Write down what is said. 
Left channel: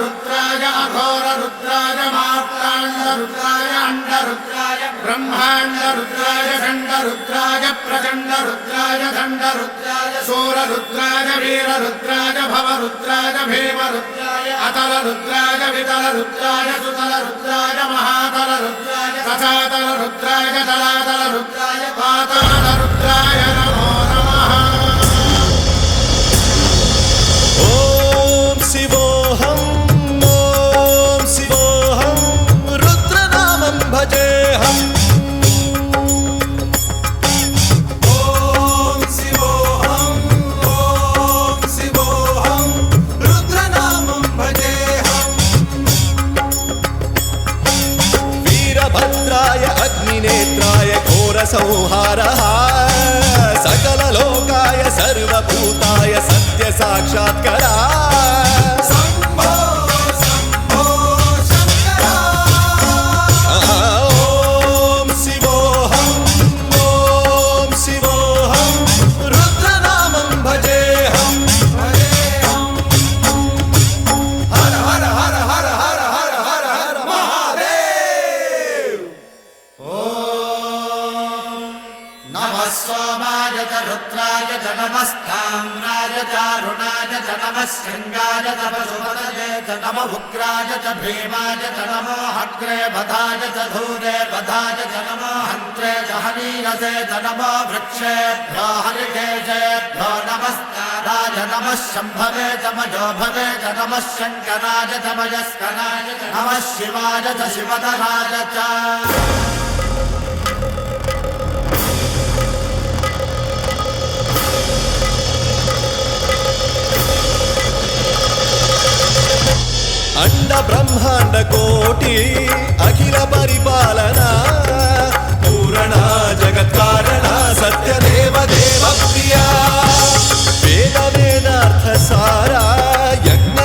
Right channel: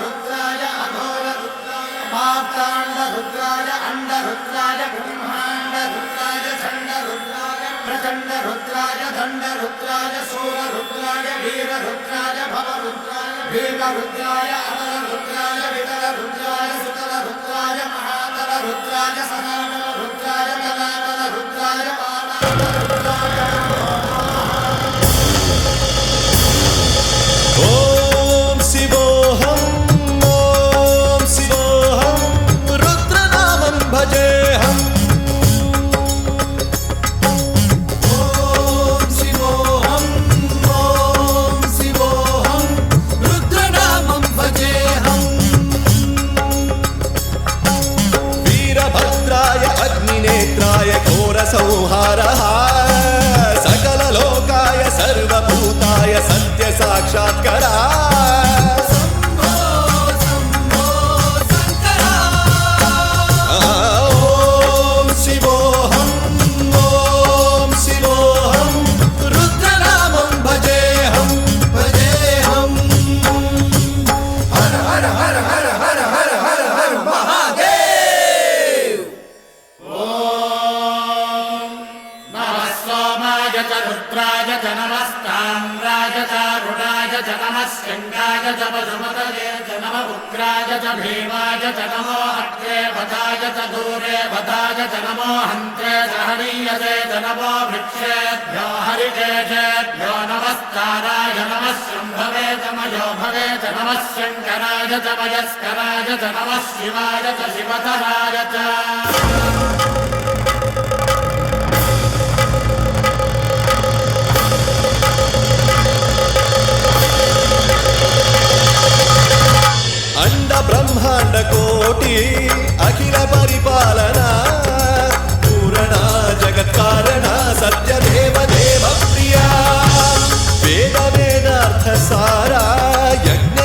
रुद्राय अघोर रुद्राय मात्राण्ड रुद्राय अंड रुद्राय ब्रह्मांड रुद्राय खंड रुद्राय प्रचंड रुद्राय दंड रुद्राय सूर रुद्राय वीर रुद्राय भव रुद्राय भीम रुद्राय अतल रुद्राय वितल रुद्राय सुतल रुद्राय महातल रुद्राय सजातल रुद्राय जलातल रुद्राय पाताल रुद्राय नमो नमः। ओम शिवोऽहं रुद्रनामं भजेऽहम्। वीरभद्राय अग्निनेत्राय घोरसंहारः सकललोकाय सर्वभूताय सत्यसाक्षात्करा। ॐ शिवोऽहं रुद्रनामं भजेऽहम्। हर हर हर हर हर हर हर हर महादेव। नमः सोमाय च रुद्राय च नमस्ताम्राय च अरुणाय च नमः शृङ्गाय च पशुपतये च नमः उग्राय च भीमाय च नमो अग्रे वधाय च धूरे वधाय च नमो हन्त्रे च हनीयसे च नमो वृक्षेभ्यो हरिकेशेभ्यो नमस्काराय नमः शम्भवे च मयोभवे च नमः शङ्कराय च मयस्कराय च नमः शिवाय च शिवधराय च। अंड ब्रह्मांड कोटि अखिल परिपालना पूरणा जगत्कारणा सत्यदेव देव प्रिया वेद वेदार्थ सारा यज्ञ